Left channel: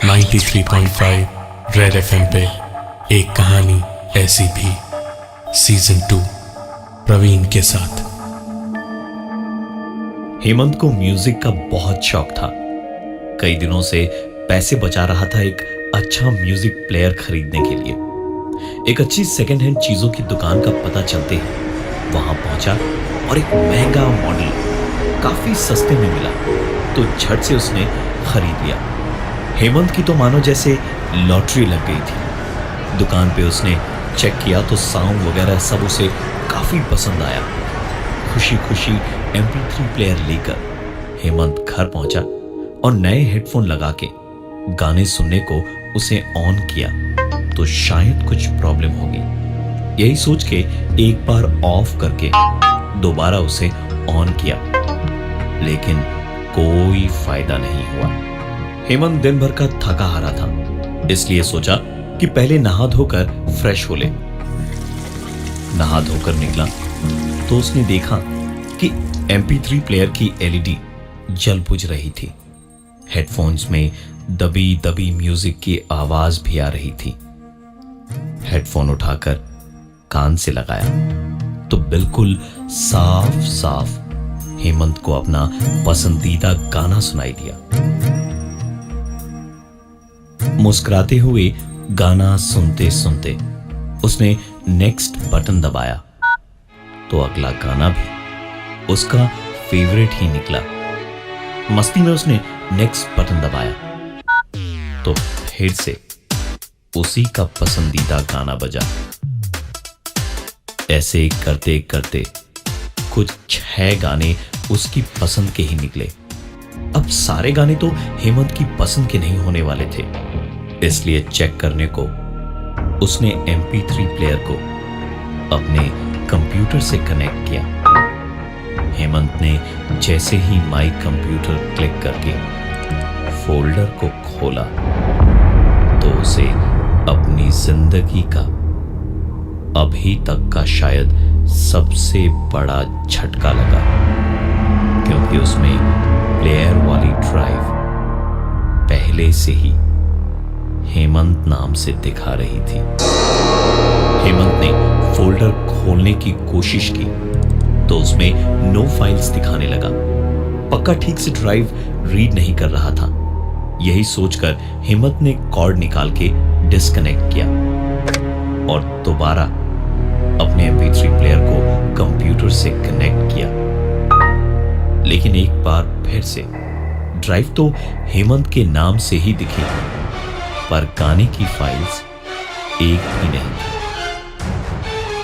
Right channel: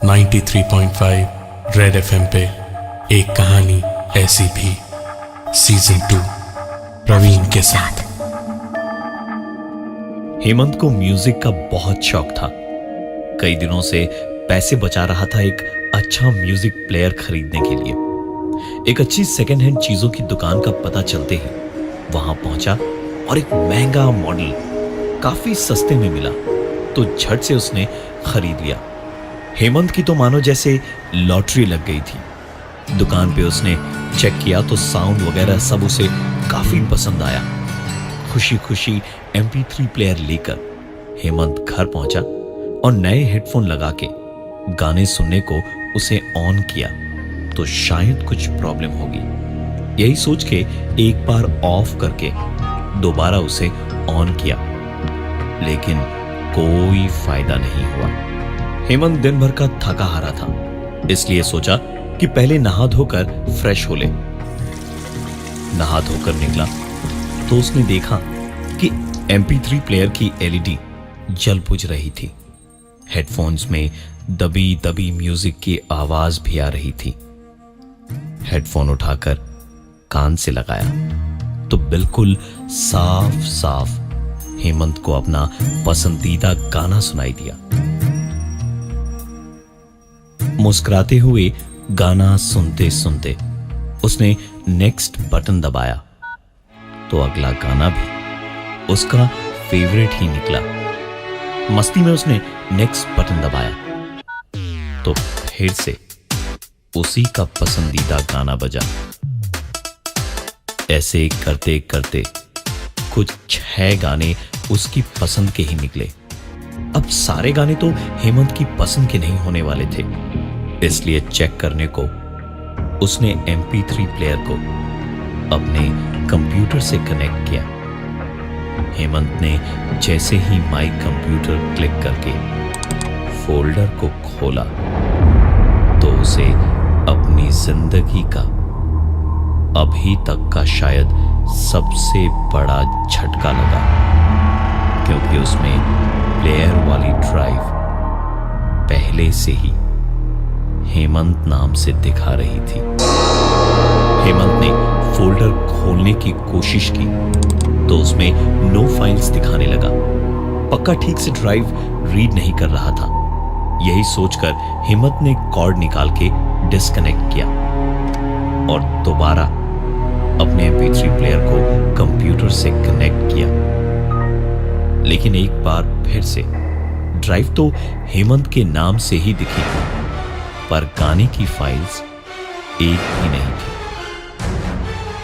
93.5 red FM पे एक कहानी ऐसी भी सीजन 2 प्रवीण के साथ। हेमंत को म्यूजिक का बहुत शौक था। कई दिनों से पैसे बचा रहा था एक अच्छा म्यूजिक प्लेयर खरीदने के लिए। एक अच्छी सेकेंड हैंड चीजों की दुकान का पता चलते ही वहां पहुंचा और एक महंगा मॉडल काफी सस्ते में मिला तो झट से उसने खरीद लिया। हेमंत की तो मानो जैसे लॉटरी लग गई थी। दुकान पे उसने चेक किया तो साउंड वगैरह सब उसे काफी पसंद आया। खुशी खुशी MP3 प्लेयर लेकर हेमंत घर पहुंचा और नए हेडफोन लगा के गाने सुनने को उसे ऑन किया तो शायद कुछ प्रॉब्लम होगी। यही सोच के एक बार ऑफ करके दोबारा उसे ऑन किया, लेकिन कोई फायदा नहीं हुआ। हेमंत दिन भर का थका हारा था, इसलिए सोचा कि पहले नहा धोकर फ्रेश हो ले। नहा धोकर निकला तो उसने देखा कि MP3 प्लेयर की LED जल बुझ रही थी। हेडफोन्स में दबी दबी म्यूजिक की आवाज भी आ रही थी। हेडफोन उठाकर कान से लगाया तो बिल्कुल साफ साफ हेमंत को अपना पसंदीदा गाना सुनाई दिया। मुस्कुराते हुए गाना सुनते सुनते उसने नेक्स्ट बटन दबाया तो अगला गाना भी उसका फेवरेट ही निकला। मस्ती में उसने नेक्स्ट बटन दबाया तो फिर से उसी का पसंदीदा गाना बजा। ऐसे करते करते कुछ 6 गाने उसकी पसंद के ही निकले। अब सारे गाने तो हेमंत की पसंद के नहीं होने वाले थे, इसलिए चेक करने को उसने MP3 प्लेयर को अपने कंप्यूटर से कनेक्ट किया। हेमंत ने जैसे ही माई कंप्यूटर क्लिक करके फोल्डर को खोला तो उसे अपनी जिंदगी का अभी तक का शायद सबसे बड़ा झटका लगा, क्योंकि उसमें प्लेयर वाली ड्राइव पहले से ही हेमंत नाम से दिखा रही थी। हेमंत ने फोल्डर खोलने की कोशिश की तो उसमें नो फाइल्स दिखाने लगा। पक्का ठीक से ड्राइव रीड नहीं कर रहा था। यही सोचकर हेमंत ने कॉर्ड निकाल के डिस्कनेक्ट किया और दोबारा अपने MP3 प्लेयर को कंप्यूटर से कनेक्ट किया। लेकिन एक बार फिर से ड्राइव तो हेमंत के नाम से ही दिखी, पर गाने की फाइल्स एक भी नहीं थी।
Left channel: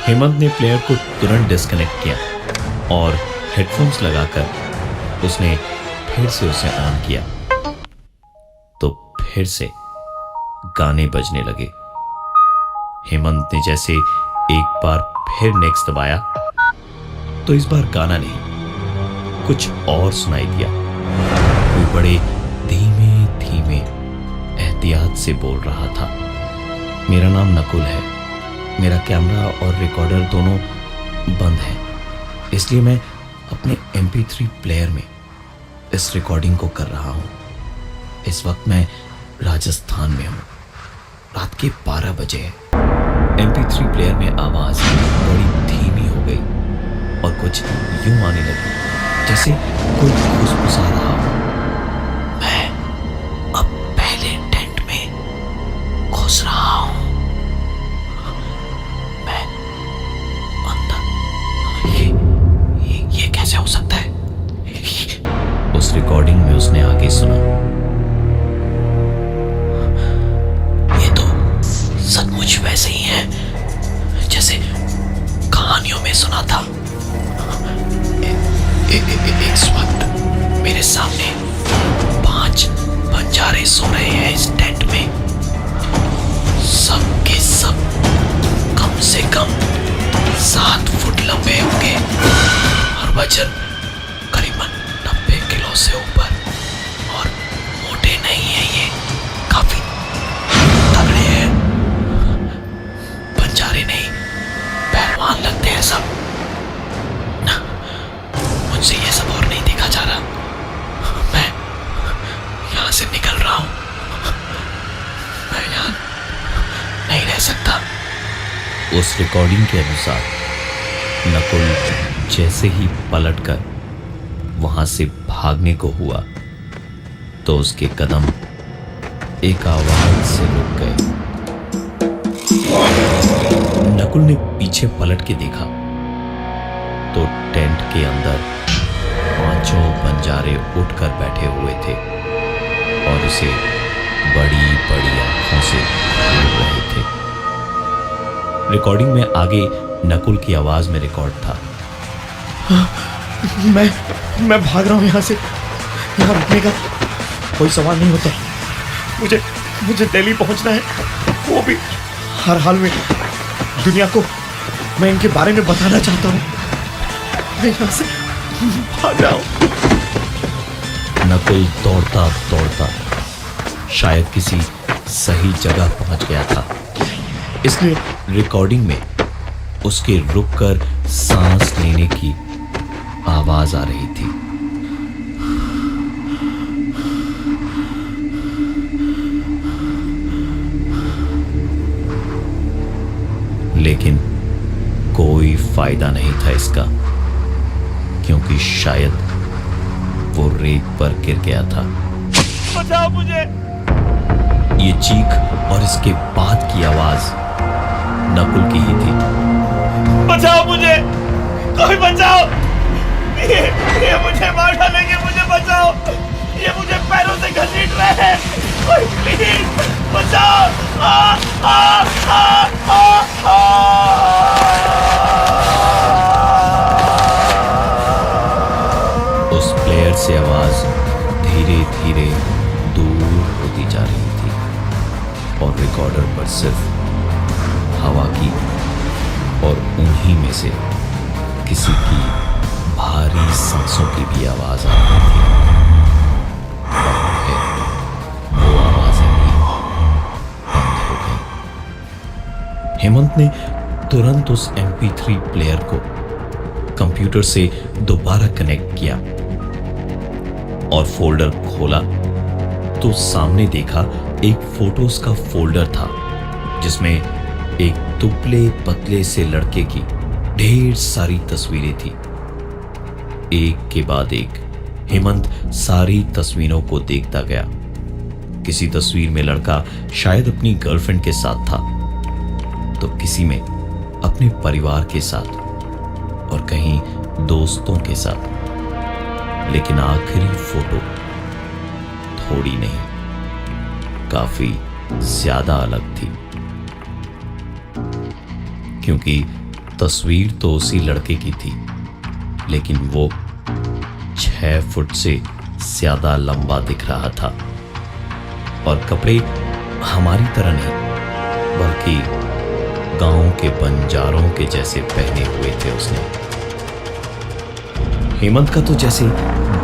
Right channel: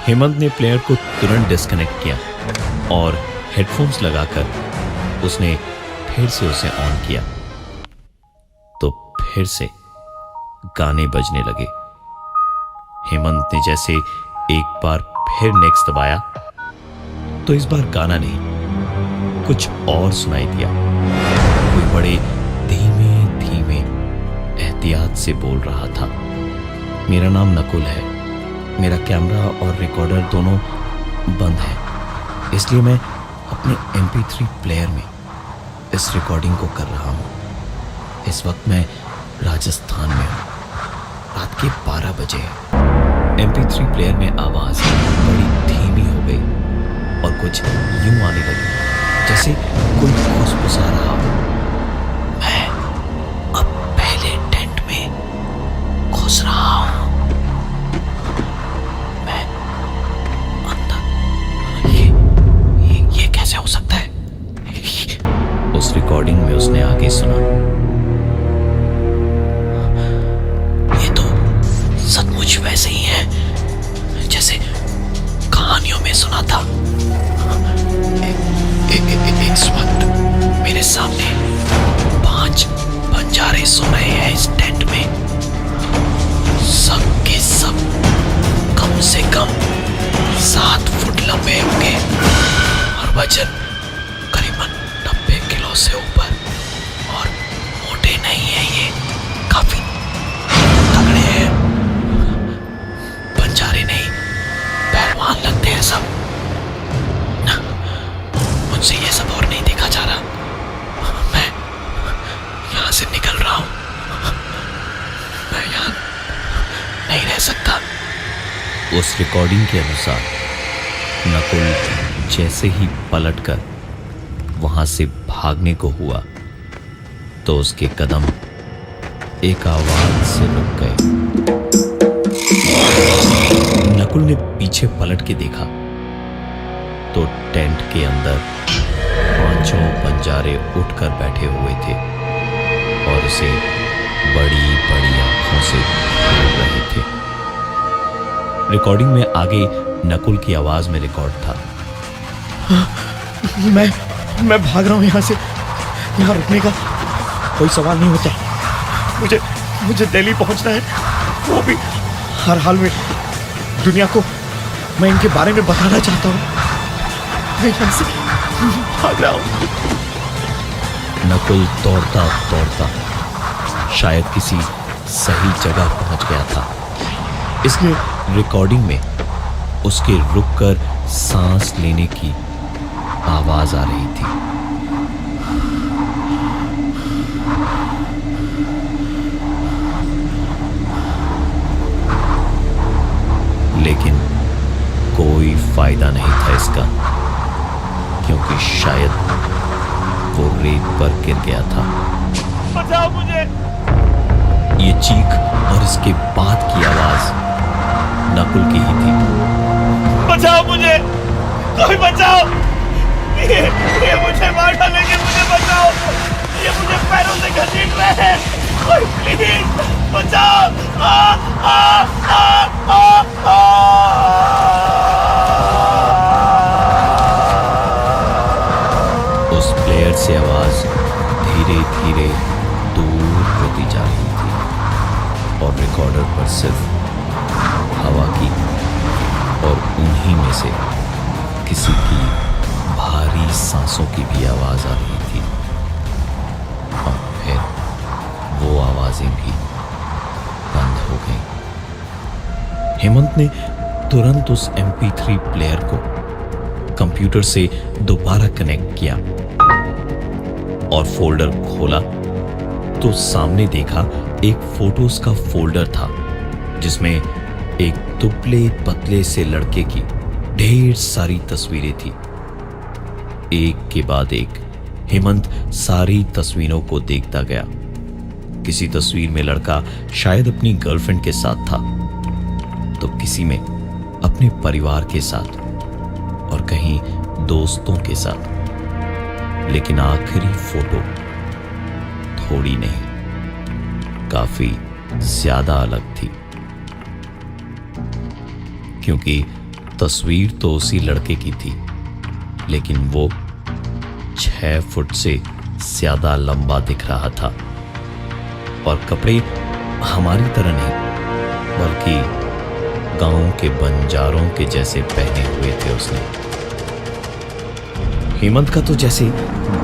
हेमंत ने प्लेयर को तुरंत डिस्कनेक्ट किया और हेडफोन्स लगाकर उसने फिर से उसे ऑन किया तो फिर से गाने बजने लगे। हेमंत ने जैसे एक बार फिर नेक्स्ट दबाया तो इस बार गाना नहीं, कुछ और सुनाई दिया। कोई बड़े धीमे धीमे एहतियात से बोल रहा था, मेरा नाम नकुल है, मेरा कैमरा और रिकॉर्डर दोनों बंद है, इसलिए मैं अपने MP3 प्लेयर में इस रिकॉर्डिंग को कर रहा हूं। इस वक्त मैं राजस्थान में हूं, रात के 12 बजे है। MP3 प्लेयर में आवाज बड़ी धीमी हो गई और कुछ यूं आने लगी जैसे कोई फुसफुसा रहा हो, मैं अब पहले टेंट में घुस रहा हूं, मैं अंदर, ये कैसे हो सकता है? उस रिकॉर्डिंग में उसने आगे सुना, ये तो सचमुच वैसे ही है जैसे कहानियों में सुना था। इस वक्त मेरे सामने 5 बंजारे सो रहे हैं इस टेंट में। सब के सब कम से कम 7 फुट लंबे होंगे और वजन करीबन 90 किलो से ऊपर, और मोटे नहीं है, ये काफी तगड़े हैं। बंजारे नहीं, पहलवान लगते हैं सब। मुझसे ये सब और नहीं देखा जा रहा, मैं यहां से निकल रहा हूं। उस रिकॉर्डिंग के अनुसार नकुल जैसे ही पलटकर वहां से भागने को हुआ तो उसके कदम एक आवाज से रुक गए। नकुल ने पीछे पलट के देखा तो टेंट के अंदर 5 बंजारे उठकर बैठे हुए थे और उसे बड़ी बड़ी आंखों से घूर रहे थे। रिकॉर्डिंग में आगे नकुल की आवाज में रिकॉर्ड था, मैं भाग रहा हूं यहां से। यहां रुकने का कोई सवाल नहीं होता। मुझे दिल्ली पहुंचना है, वो भी हर हाल में। दुनिया को मैं इनके बारे में बताना चाहता हूं। मैं यहां से भाग रहा हूं। नकुल दौड़ता दौड़ता शायद किसी सही जगह पहुंच गया था, इसलिए रिकॉर्डिंग में उसके रुककर सांस लेने की आवाज आ रही थी। लेकिन कोई फायदा नहीं था इसका, क्योंकि शायद वो रेत पर गिर गया था। बचाओ मुझे। ये चीख और इसके बाद की आवाज नकुल की ही थी। बचाओ मुझे, कोई बचाओ। ये मुझे मार डालेंगे, मुझे बचाओ। ये मुझे पैरों से घसीट रहे हैं, कोई प्लीज बचाओ। उस प्लेयर से आवाज धीरे धीरे दूर होती जा रही थी और रिकॉर्डर पर सिर्फ हवा की और उन्हीं में से किसी की भारी सांसों की भी आवाज आ रही थी। और फिर वो आवाजें भी बंद हो गईं। हेमंत ने तुरंत उस MP3 प्लेयर को कंप्यूटर से दोबारा कनेक्ट किया और फोल्डर खोला तो सामने देखा एक फोटोज का फोल्डर था जिसमें एक दुबले पतले से लड़के की ढेर सारी तस्वीरें थी। एक के बाद एक हेमंत सारी तस्वीरों को देखता गया। किसी तस्वीर में लड़का शायद अपनी गर्लफ्रेंड के साथ था, तो किसी में अपने परिवार के साथ और कहीं दोस्तों के साथ। लेकिन आखिरी फोटो थोड़ी नहीं, काफी ज्यादा अलग थी, क्योंकि तस्वीर तो उसी लड़के की थी, लेकिन वो 6 फुट से ज्यादा लंबा दिख रहा था और कपड़े हमारी तरह नहीं बल्कि गांव के बंजारों के जैसे पहने हुए थे उसने। हेमंत का तो जैसे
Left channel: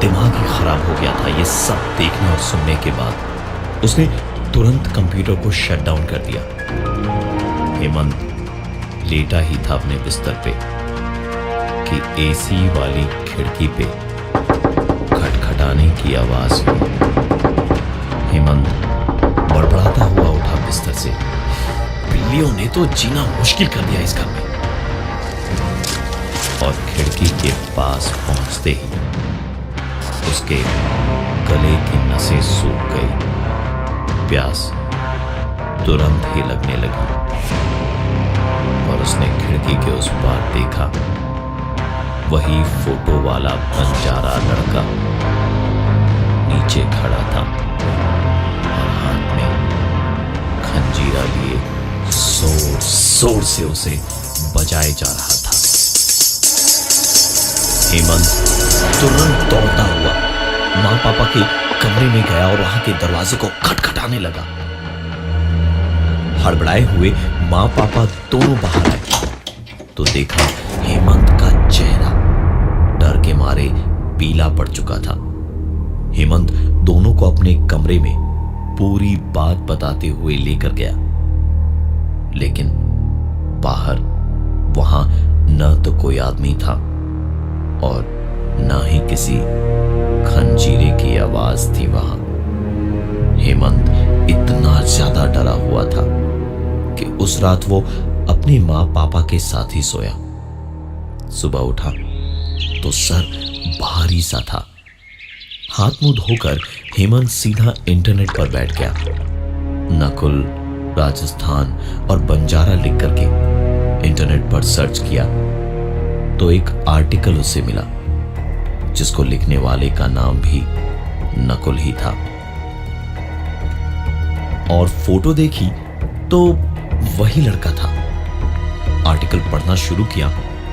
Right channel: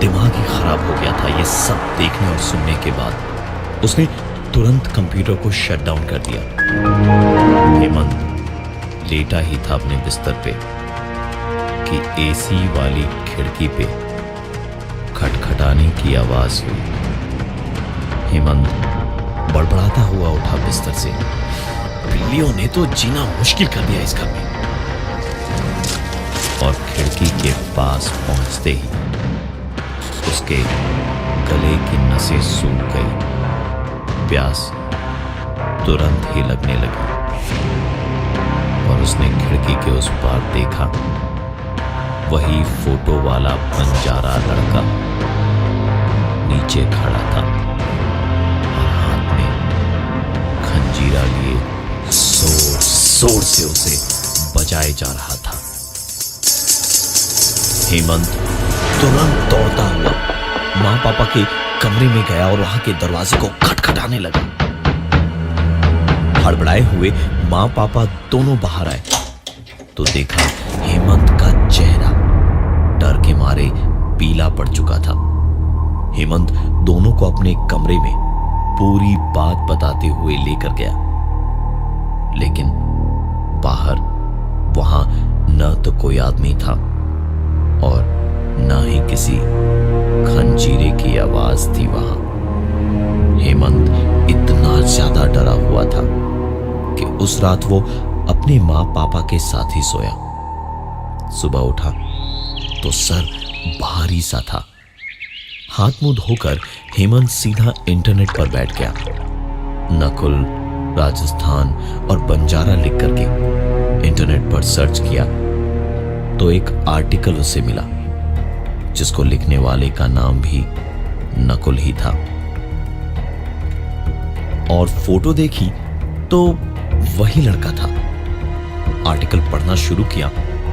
दिमाग ही खराब हो गया था ये सब देखने और सुनने के बाद। उसने तुरंत कंप्यूटर को शट डाउन कर दिया। हेमंत लेटा ही था अपने बिस्तर पे कि AC वाली खिड़की पे खटखटाने की आवाज हुई। हेमंत बड़बड़ाता हुआ उठा बिस्तर से। बिल्लियों ने तो जीना मुश्किल कर दिया इस घर में। और खिड़की के पास पहुंचते ही उसके गले की नसें सूख गई। प्यास तुरंत ही लगने लगी और उसने खिड़की के उस पार देखा, वही फोटो वाला बंजारा लड़का नीचे खड़ा था और हाथ में खंजीरा लिए जोर जोर से उसे बजाए जा रहा था। हेमंत तुरंत दौड़ता हुआ मां पापा के कमरे में गया और वहां के दरवाजे को खटखटाने लगा। हड़बड़ाए हुए मां पापा दोनों बाहर आए तो देखा हेमंत का चेहरा डर के मारे पीला पड़ चुका था। हेमंत दोनों को अपने कमरे में पूरी बात बताते हुए लेकर गया, लेकिन बाहर वहां न तो कोई आदमी था और न ही किसी खंजीरे की आवाज थी वहां। हेमंत इतना ज्यादा डरा हुआ था कि उस रात वो अपने माँ पापा के साथ ही सोया। सुबह उठा तो सर भारी सा था। हाथ मुंह धोकर हेमंत सीधा इंटरनेट पर बैठ गया। नकुल, राजस्थान और बंजारा लिख करके इंटरनेट पर सर्च किया तो एक आर्टिकल उसे मिला जिसको लिखने वाले का नाम भी नकुल ही था। और फोटो देखी तो वही लड़का था। आर्टिकल पढ़ना शुरू किया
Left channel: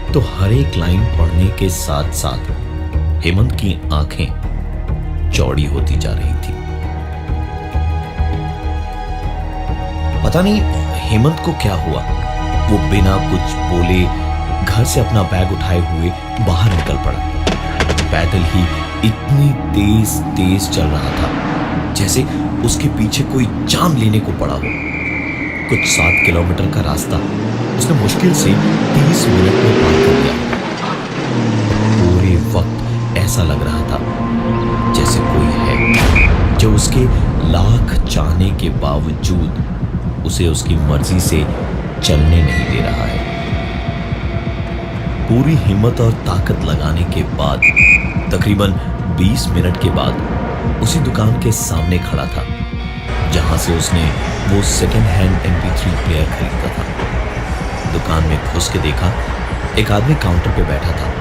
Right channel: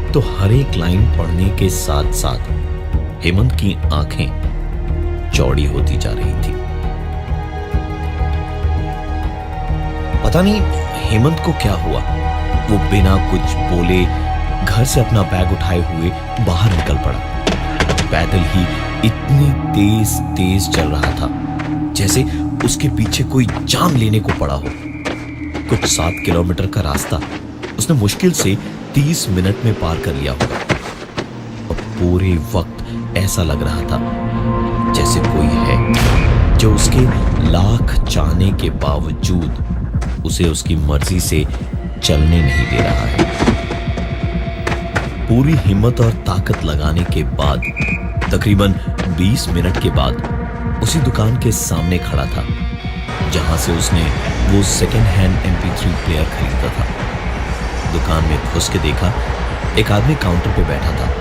तो हर एक लाइन पढ़ने के साथ साथ हेमंत की आंखें चौड़ी होती जा रही थी। पता नहीं हेमंत को क्या हुआ, वो बिना कुछ बोले घर से अपना बैग उठाए हुए बाहर निकल पड़ा। पैदल ही इतनी तेज तेज चल रहा था जैसे उसके पीछे कोई जान लेने को पड़ा हो। कुछ 7 किलोमीटर का रास्ता उसने मुश्किल से 30 मिनट में पार कर लिया होगा। और पूरे वक्त ऐसा लग रहा था जैसे कोई है जो उसके लाख चाहने के बावजूद उसे उसकी मर्जी से चलने नहीं दे रहा है। पूरी हिम्मत और ताकत लगाने के बाद तकरीबन 20 मिनट के बाद उसी दुकान के सामने खड़ा था जहां से उसने वो सेकेंड हैंड MP3 प्लेयर खरीदा था। दुकान में घुस के देखा एक आदमी काउंटर पे बैठा था।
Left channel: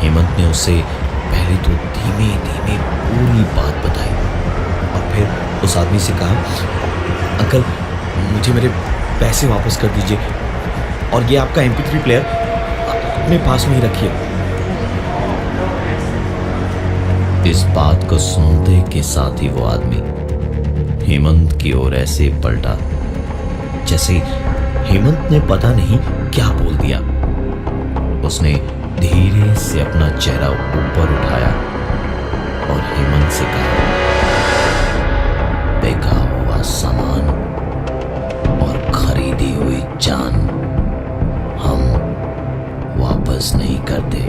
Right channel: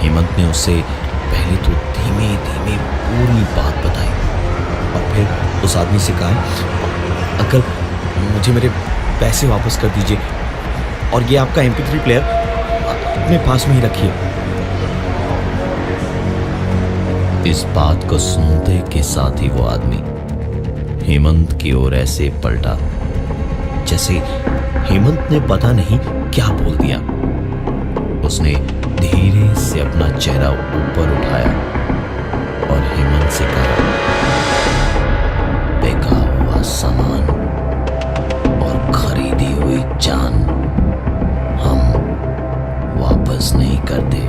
हेमंत ने उससे पहले तो धीमे धीमे पूरी बात बताई और फिर उस आदमी से कहा, अंकल मुझे मेरे पैसे वापस कर दीजिए और ये आपका MP3 प्लेयर अपने पास में ही रखिए। इस बात को सुनते के साथ ही वो आदमी हेमंत की ओर ऐसे पलटा जैसे हेमंत ने पता नहीं क्या बोल दिया। उसने धीरे से अपना चेहरा ऊपर उठाया और हेमंत से कहा, बेका हुआ सामान और खरीदी हुई जान हम वापस नहीं करते।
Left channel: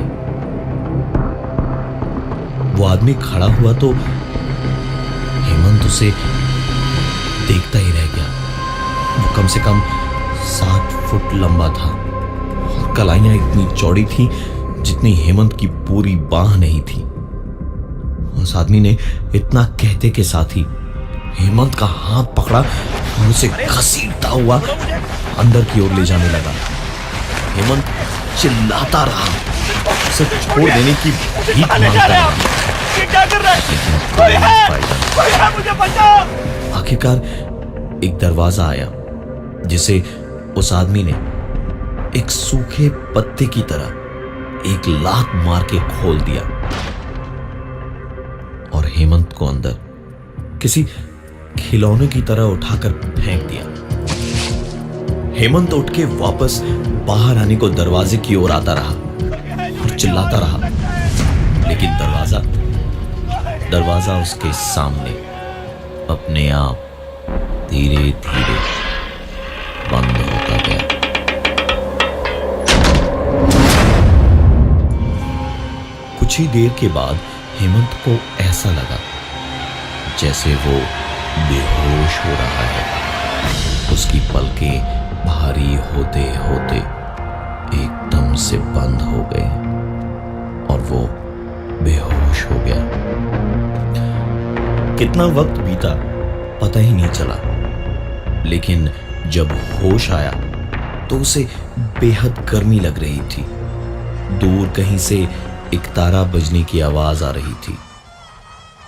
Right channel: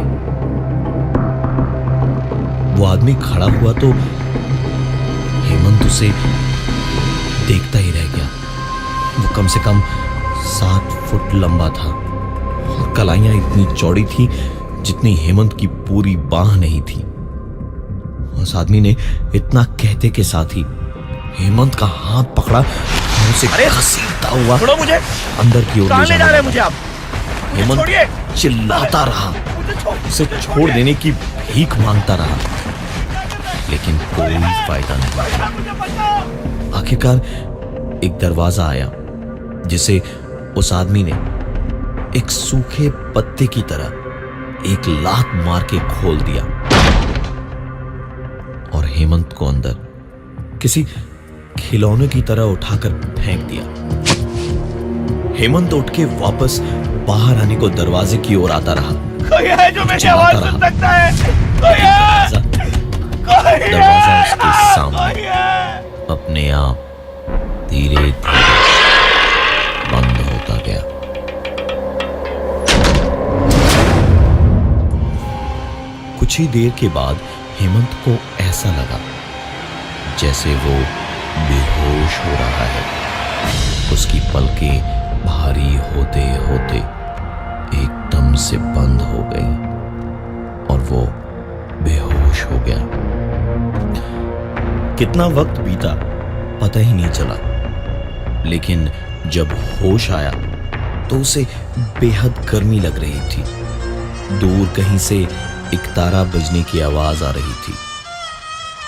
वो आदमी खड़ा हुआ तो हेमंत उसे देखता ही रह गया। वो कम से कम 7 फुट लंबा था और कलाइयां इतनी चौड़ी थी जितनी हेमंत की पूरी बाह नहीं थी। उस आदमी ने इतना कहते के साथ ही हेमंत का हाथ पकड़ा और उसे घसीटता हुआ अंदर की ओर ले जाने लगा। हेमंत चिल्लाता रहा, उसे छोड़ देने की भीख मांगता रहा, लेकिन कोई फायदा नहीं। आखिरकार एक दरवाजा आया जिसे उस आदमी ने एक सूखे पत्ते की तरह एक लात मार के खोल दिया और हेमंत को अंदर किसी खिलौने की तरह उठाकर फेंक दिया। हेमंत उठ के वापस बाहर आने को दरवाजे की ओर आता रहा और चिल्लाता रहा, लेकिन दरवाजा उसके सामने अपने आप धीरे धीरे बंद होता गया। कुछ ही देर के बाद हेमंत को ऐसा लगा जैसे वो बेहोश हो रहा है। उसकी पलकें भारी होते होते एकदम से बंद हो गई और वो बेहोश हो गया। कितना वक्त बीता पता ही नहीं चला, लेकिन जब होश आया तो उसे बेहद गर्मी लग रही थी। दूर कहीं से एक तारा बजने की आवाज आ रही थी।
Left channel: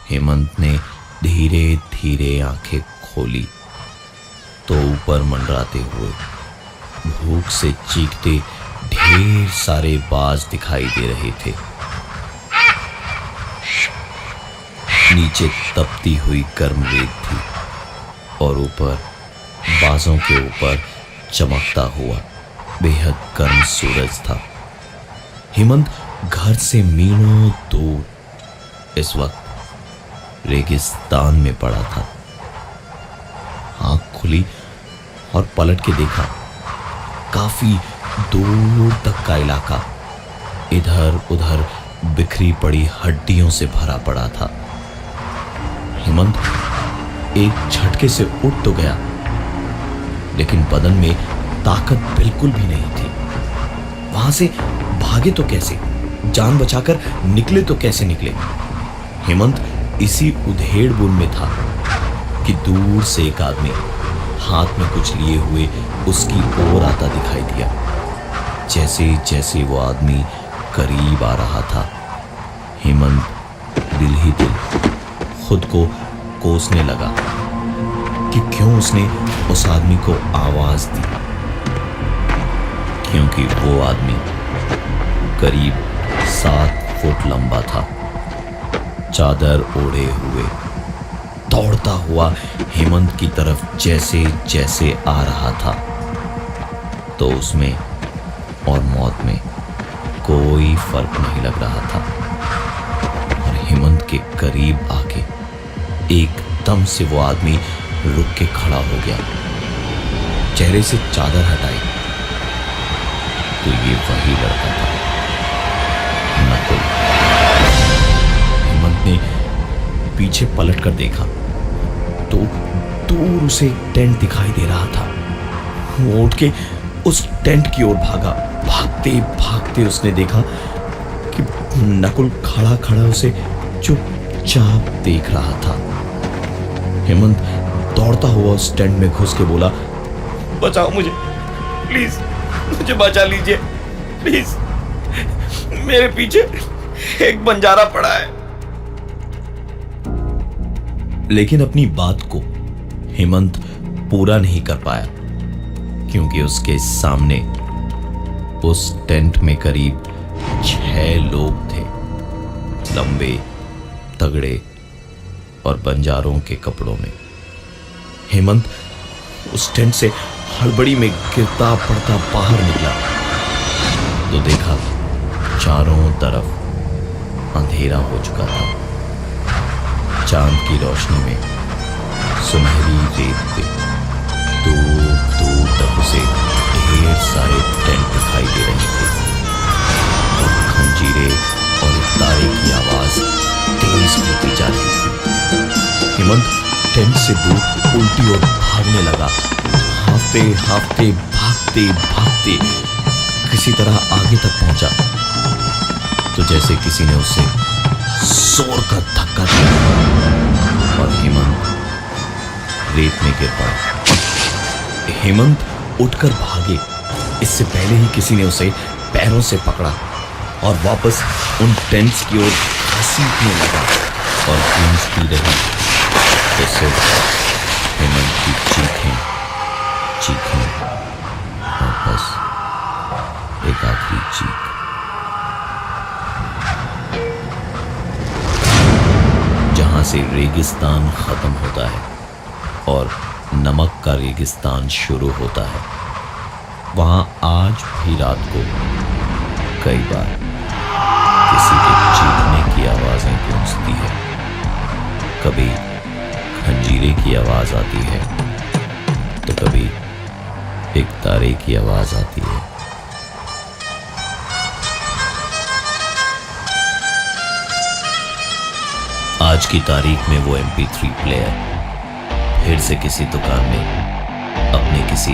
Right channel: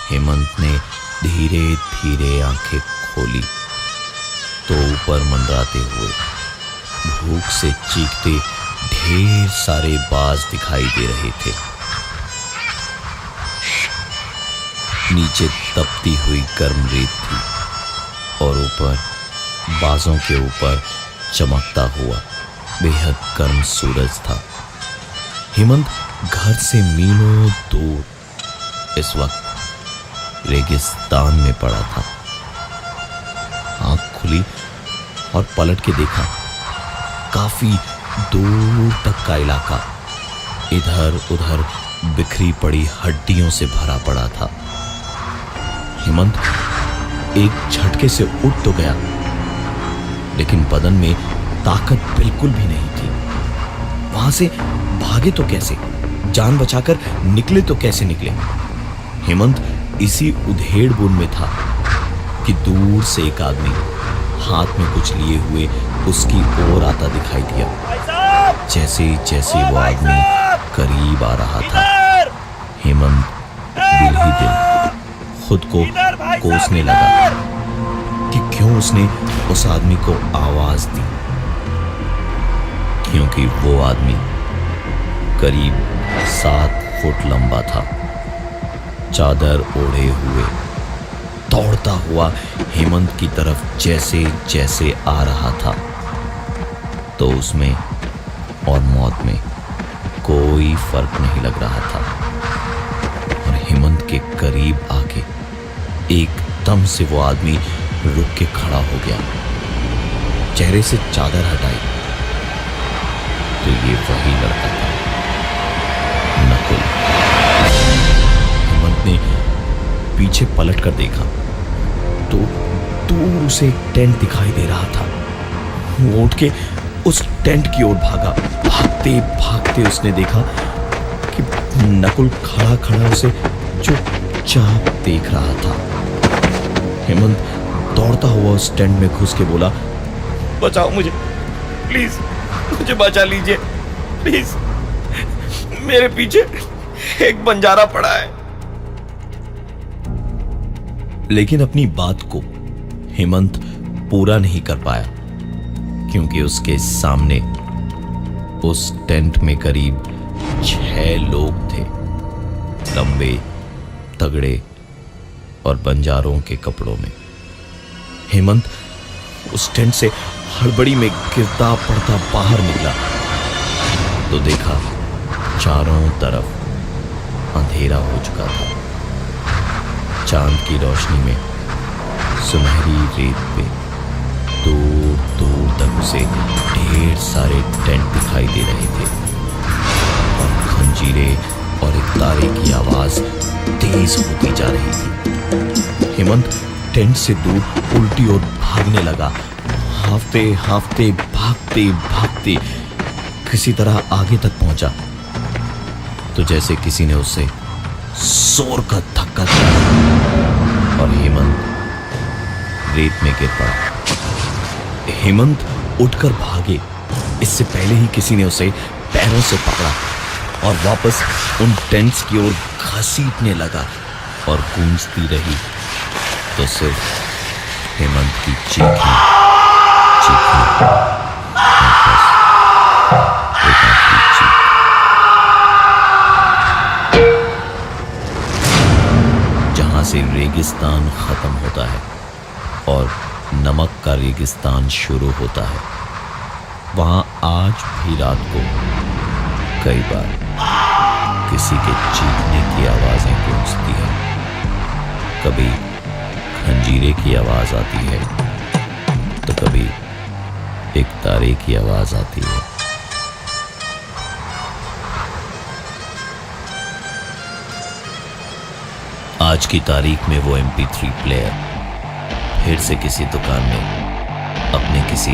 हेमंत ने धीरे धीरे आंखें खोली तो ऊपर मंडराते हुए भूख से चीखते ढेर सारे बाज दिखाई दे रहे थे। नीचे तपती हुई गर्म रेत थी और ऊपर बाजों के ऊपर चमकता हुआ बेहद गर्म सूरज था। हेमंत घर से मीलों दूर इस वक्त रेगिस्तान में पड़ा था। आंख खुली और पलट के देखा, काफी दूर तक का इलाका इधर उधर बिखरी पड़ी हड्डियों से भरा पड़ा था। हेमंत एक झटके से उठ तो गया, लेकिन बदन में ताकत बिल्कुल भी नहीं थी। वहां से भागे तो कैसे, जान बचाकर निकले तो कैसे निकले। हेमंत इसी उधेड़-बुन में था कि दूर से एक आदमी हाथ में कुछ लिए हुए उसकी ओर आता दिखाई दिया। जैसे जैसे वो आदमी करीब आ रहा था, हेमंत दिल ही दिल खुद को कोसने लगा कि क्यों उसने उस आदमी को आवाज दी, क्योंकि वो आदमी करीब 7 फुट लंबा था, चादर ओढ़े हुए, दौड़ता हुआ हेमंत की तरफ जैसे जैसे आ रहा था। तो उसमें और मौत में कोई फर्क नहीं लग रहा था। और हेमंत के करीब आके एकदम से वो आदमी रुक के खड़ा हो गया, चेहरे से चादर हटाई तो ये वही लड़का था, नकुल। हेमंत ने पीछे पलट कर देखा तो दूर उसे एक टेंट दिखाई दे रहा था। वो उठ के उस टेंट की ओर भागा। भागते भागते उसने देखा कि नकुल खड़ा खड़ा उसे चुपचाप देख रहा था। हेमंत दौड़ता हुआ उस टेंट में घुस के बोला, बचाओ मुझे, प्लीज मुझे बचा लीजिए, प्लीज, मेरे पीछे एक बंजारा पड़ा है। लेकिन अपनी बात को हेमंत पूरा नहीं कर पाया, क्योंकि उसके सामने उस टेंट में करीब 6 लोग थे, लंबे, तगड़े और बंजारों के कपड़ों में। हेमंत उस टेंट से हड़बड़ी में गिरता पड़ता बाहर निकला तो देखा चारों तरफ अंधेरा हो चुका था। चांद की रोशनी में सुनहरी रेत पे दूर दूर तक उसे ढेर सारे टेंट दिखाई दे रहे थे और खंजीरे और एक तारे की आवाज तेज होती जा रही थी। हेमंत टेंट से दूर उल्टी ओर भागने लगा, हांफते हांफते भागते भागते किसी तरह आगे तक पहुंचा तो जैसे किसी ने उसे जोर का धक्का दिया और हेमंत रेत में गिर पड़ा। हेमंत उठकर भागे, इससे पहले ही किसी ने उसे पैरों से पकड़ा और वापस उन टेंट्स की ओर घसीटने लगा और गूंजती रही तो सिर्फ हेमंत की चीखें और बस एक आखिरी चीख। जहां से रेगिस्तान खत्म होता है और नमक का रेगिस्तान शुरू होता है, वहां आज भी रात को कई बार किसी के चीखने की आवाजें गूंजती है। कभी खंजीरे की आवाज आती है तो कभी एक तारे की आवाज आती है। आज की तारीख में वो MP3 प्लेयर फिर से किसी दुकान में अपने किसी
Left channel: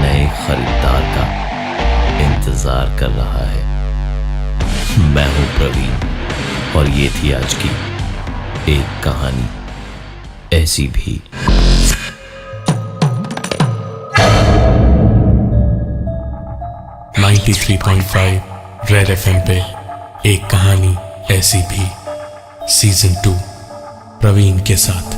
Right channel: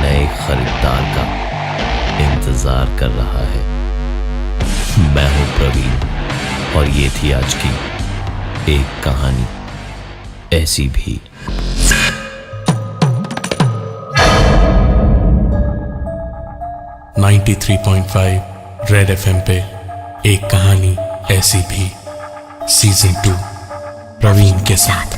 नए खरीदार का इंतजार कर रहा है। मैं हूं प्रवीण और ये थी आज की एक कहानी ऐसी भी। .5 रेड FM पे एक कहानी ऐसी भी, सीजन 2 प्रवीण के साथ।